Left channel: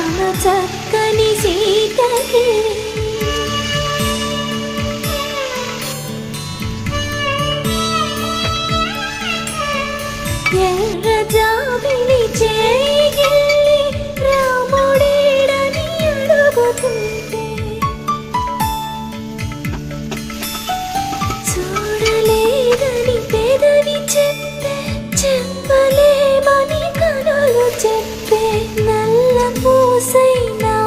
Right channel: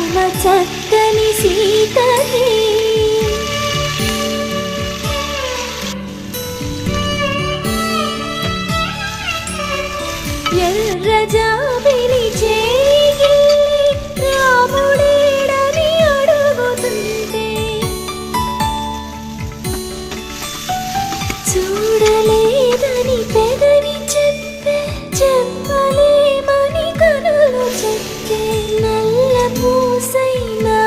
చక్కని సీతకి ఎర్ర జాబిలి చేయి రాముడేడని అడుగుతుంటే చూడలేదని పెదవి చెప్పే చెప్పలేమని కనులు చెప్పే నల్ల పూసైనా